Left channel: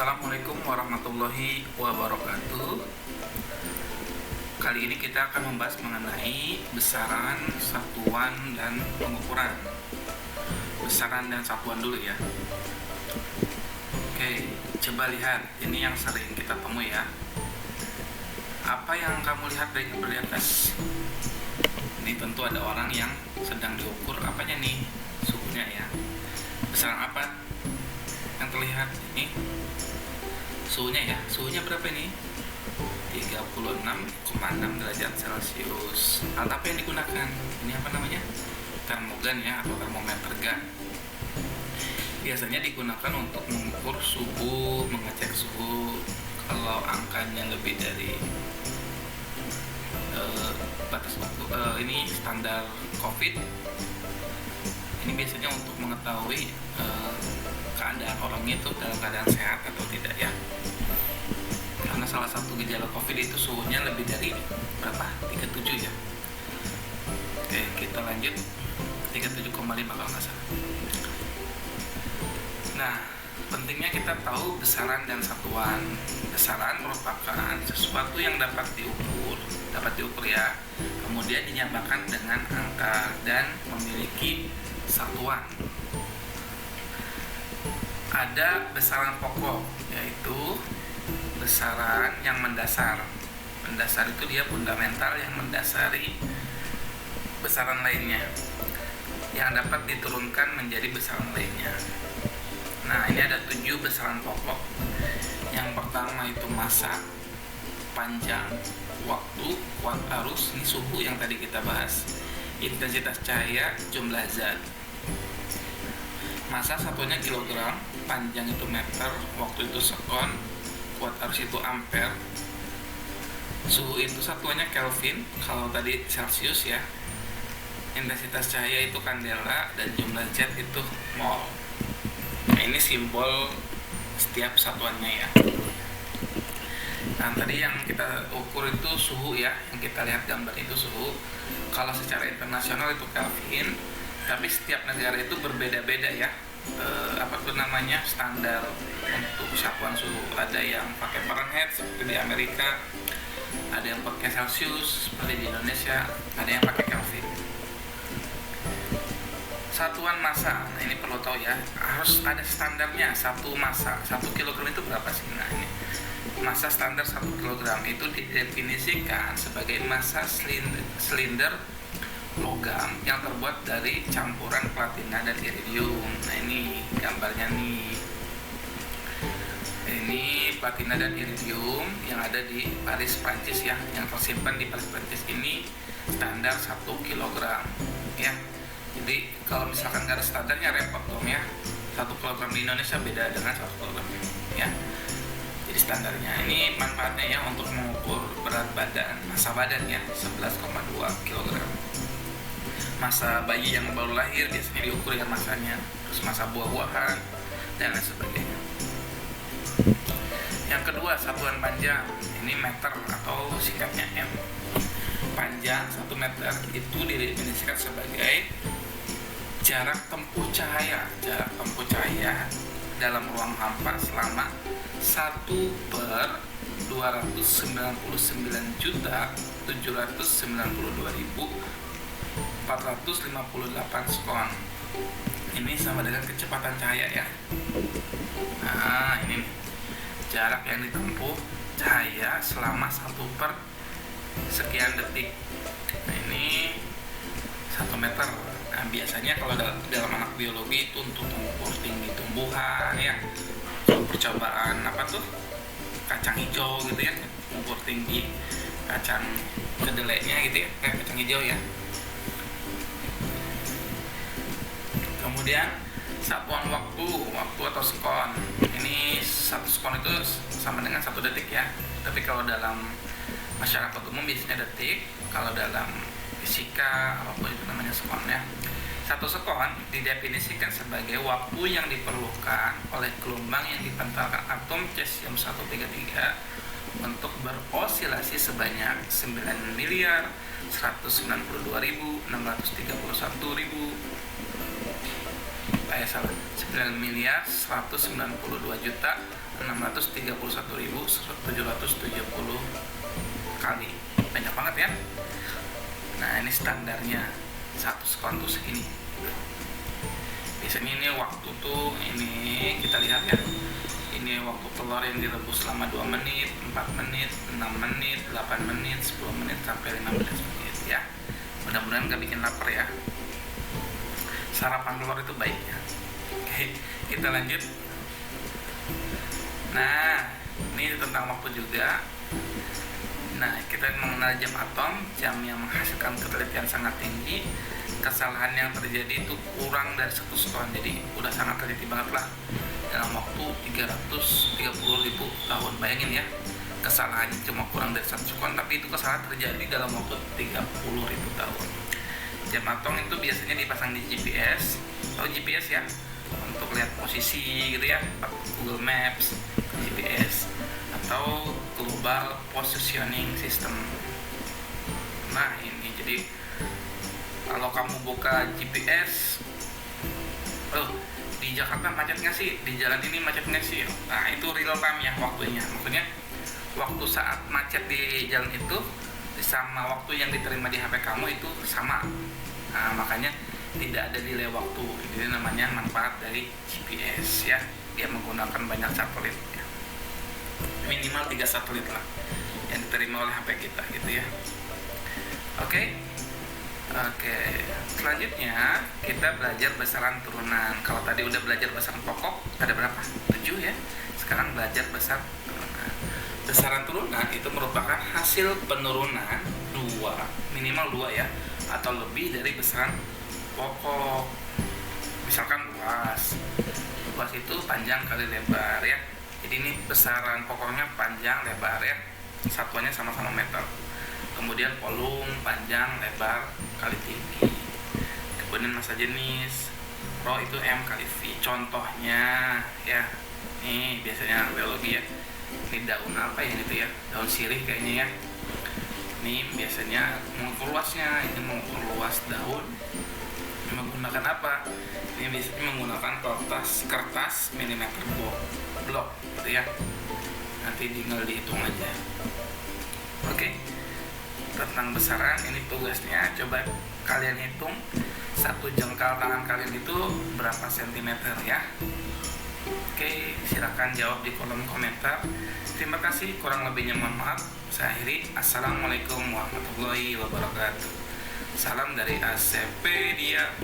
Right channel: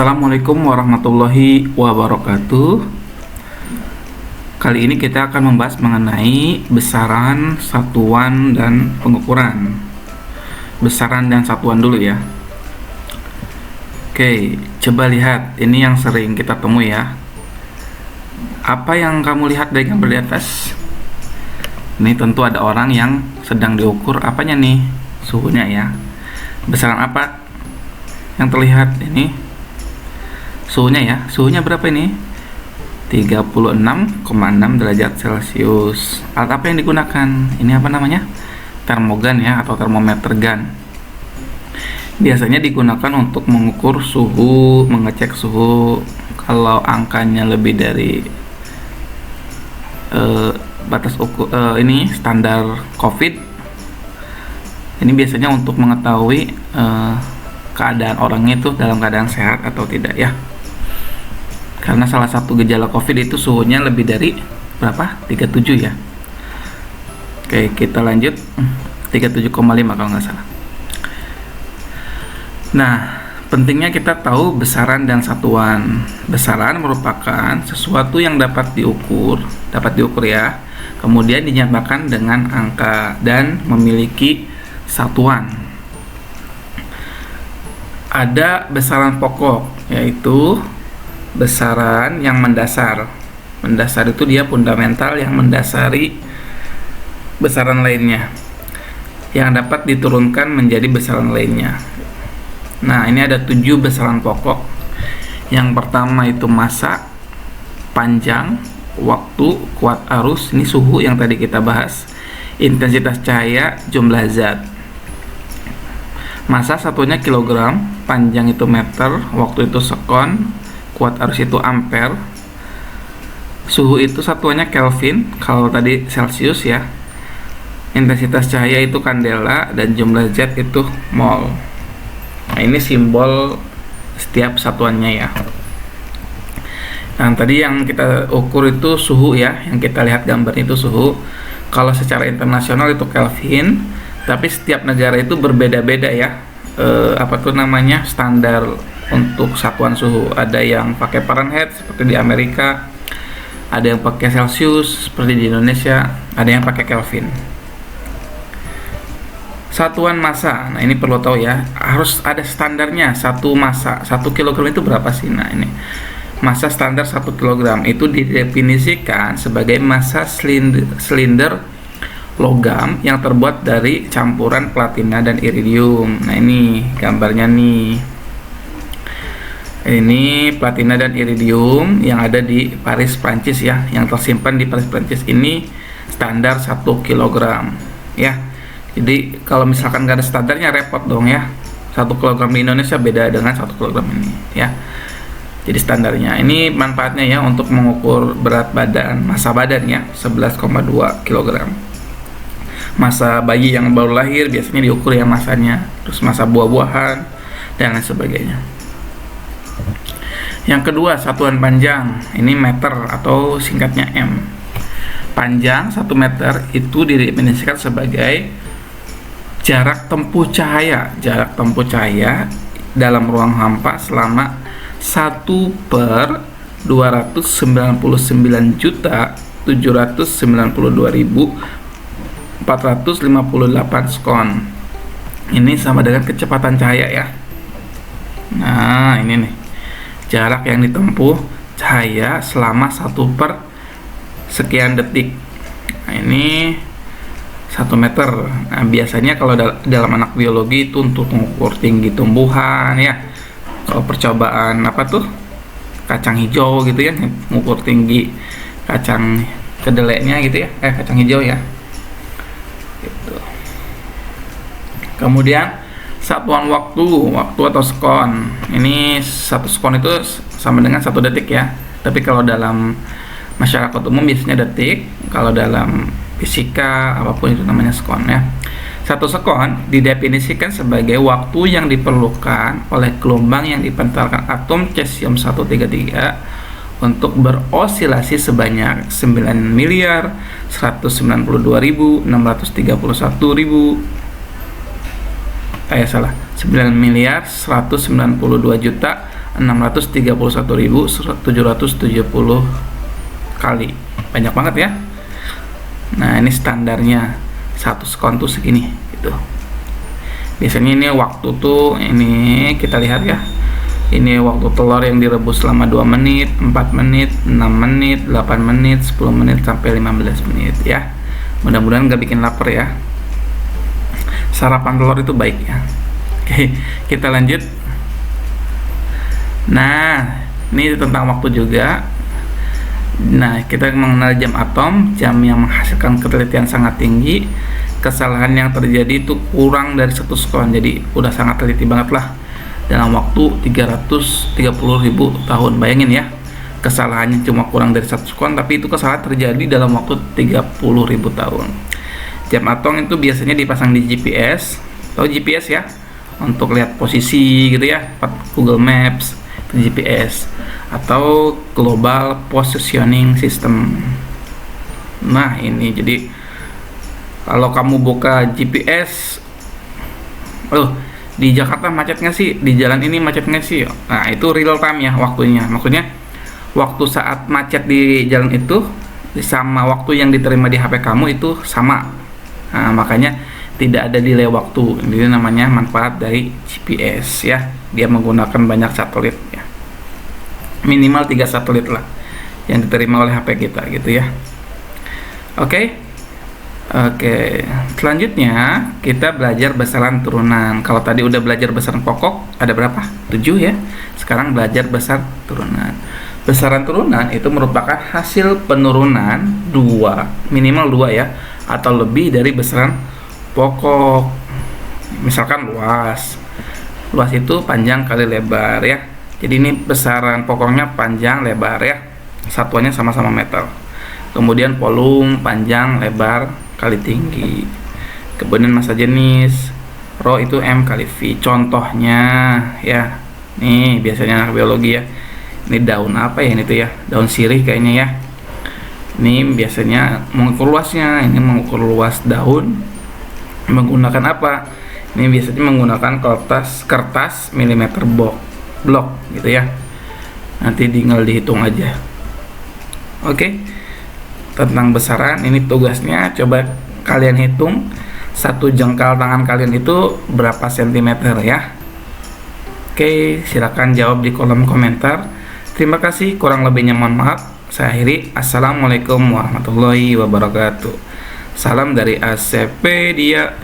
Assalamualaikum warahmatullahi wabarakatuh. Kali ini kita akan membahas mengenai besaran, satuan, dan pengukuran. Besaran dan satuan dulu ya. Oke, coba lihat. Ini yang sering kita temui ya. Apa yang kamu lihat dari gambar di atas? Ini tentu ada orang yang sedang diukur apanya nih? Suhunya ya. Besaran apa yang terlihat ini? Suhunya ya, suhunya berapa ini? 36,6 derajat Celcius. Alat apa yang digunakan? Ini apa namanya? Termogan ya, atau termometer gun. Biasanya digunakan untuk mengukur suhu, mengecek suhu. Kalau angkanya lebih dari batas ukur ini standar COVID, ini biasanya untuk mengetahui keadaan orangnya itu dalam keadaan sehat atau tidak ya. Karena salah satu gejala COVID itu suhunya lebih dari berapa? 37 ya. Oke, kita lanjut. 37,5 kalau nggak salah. Nah, pentingnya kita tahu besaran dan satuan. Besaran merupakan sesuatu yang dapat diukur ya. Kemudian dinyatakan dengan angka dan memiliki satuan. Ada besaran pokok, yaitu besaran yang mendasar. Mendasar itu dia fundamental yang mendasari besaran lainnya, yang dapat diturunkan menjadi besaran lainnya. Nah, ini ada 7 besaran pokok. Yang pertama itu massa, panjang, waktu, kuat arus, ini suhu yang tadi kita bahas, intensitas cahaya, jumlah zat. Massa satunya kilogram, panjang itu meter, waktu itu sekon, kuat arus itu ampere, suhu itu satuannya Kelvin, kalau tadi Celcius ya, intensitas cahaya itu kandela, dan jumlah zat itu mol. Nah, ini simbol setiap satuannya ya. Nah, tadi yang kita ukur itu suhu ya, yang kita lihat gambar itu suhu. Kalau secara internasional itu Kelvin, tapi setiap negara itu berbeda-beda ya. Standar untuk satuan suhu. Ada yang pakai Fahrenheit seperti di Amerika, ada yang pakai Celcius seperti di Indonesia, ada yang pakai Kelvin. Satuan massa, nah ini perlu tahu ya, harus ada standarnya. Satu massa, 1 kilogram itu berapa sih? Nah, ini massa standar 1 kilogram itu didefinisikan sebagai massa silinder logam yang terbuat dari campuran platina dan iridium. Nah, ini gambarnya nih. Ini platina dan iridium yang ada di Paris, Prancis ya, yang tersimpan di Paris, Prancis. Ini standar 1 kg ya. Jadi kalau misalkan nggak ada standarnya repot dong ya. 1 kg di Indonesia beda dengan 1 kg ini ya. Jadi standarnya ini manfaatnya ya untuk mengukur berat badan, massa badan ya, 11,2 kg. Massa bayi yang baru lahir biasanya diukur ya massanya, terus massa buah-buahan dan lain sebagainya. Yang kedua, satuan panjang, ini meter atau singkatnya M. Panjang 1 meter itu didefinisikan sebagai jarak tempuh cahaya dalam ruang hampa selama 1/299.792.458 sekon. Ini sama dengan kecepatan cahaya ya. Nah, ini nih jarak yang ditempuh cahaya selama 1 per sekian detik. Nah, ini 1 meter. Nah, biasanya kalau dalam anak biologi itu untuk mengukur tinggi tumbuhan ya. Kalau percobaan kacang hijau gitu ya, mengukur tinggi kacang kedelainya gitu ya, kacang hijau ya gitu. Kemudian satuan waktu atau sekon. Ini 1 sekon itu sama dengan 1 detik ya. Tapi kalau dalam masyarakat umum biasanya detik. Kalau dalam fisika apapun itu namanya sekon ya. 1 sekon didefinisikan sebagai waktu yang diperlukan oleh gelombang yang dipancarkan atom cesium-133 untuk berosilasi sebanyak 9.192.631.000 9.192.631.000 631.770 kali. Banyak banget ya. Nah, ini standarnya satu sekon tuh segini gitu. Biasanya ini waktu tuh, ini kita lihat ya, ini waktu telur yang direbus selama 2 menit, 4 menit, 6 menit, 8 menit, 10 menit, sampai 15 menit ya. Mudah-mudahan gak bikin lapar ya. Sarapan telur itu baik ya. Oke, kita lanjut. Nah, ini tentang waktu juga. Nah, kita mengenal jam atom, jam yang menghasilkan ketelitian sangat tinggi. Kesalahan yang terjadi itu kurang dari 1 sekon, jadi udah sangat teliti banget lah. Dalam waktu 330.000 tahun. Bayangin ya, kesalahannya cuma kurang dari 1 sekon, tapi itu kesalahan terjadi dalam waktu 30.000 tahun. Jam atom itu biasanya dipasang di GPS. Tahu GPS ya? Untuk lihat posisi gitu ya, Google Maps, GPS, atau Global Positioning System. Nah, ini jadi kalau kamu buka GPS, di Jakarta macet nggak sih? Di jalan ini macet nggak sih? Nah, itu real time ya waktunya. Maksudnya waktu saat macet di jalan itu sama waktu yang diterima di HP kamu itu sama. Nah, makanya tidak ada delay waktu. Ini namanya manfaat dari GPS ya. Dia menggunakan banyak satelit ya. Minimal 3 satelit lah yang diterima oleh HP kita gitu ya. Oke. Selanjutnya kita belajar besaran turunan. Kalau tadi udah belajar besaran pokok, ada berapa? 7 ya. Sekarang belajar besar turunan. Besaran turunan itu merupakan hasil penurunan minimal 2 ya, atau lebih dari besaran pokok. Misalkan luas itu panjang kali lebar ya. Jadi ini besaran pokoknya panjang lebar ya. Satuannya sama-sama meter. Kemudian volume panjang lebar kali tinggi. Kemudian massa jenis, rho itu M kali V. Contohnya ya, nih biasanya anak biologi ya. Ini daun apa ya ini tuh ya? Daun sirih kayaknya ya. Ini biasanya mengukur luasnya. Ini mengukur luas daun menggunakan apa? Ini biasanya menggunakan kertas milimeter blok gitu ya. Nanti tinggal dihitung aja. Oke. Tentang besaran ini tugasnya, coba kalian hitung satu jengkal tangan kalian itu berapa sentimeter ya. Oke, silakan jawab di kolom komentar. Terima kasih, kurang lebihnya mohon maaf. Saya akhiri. Assalamualaikum warahmatullahi wabarakatuh. Salam dari ACP dia.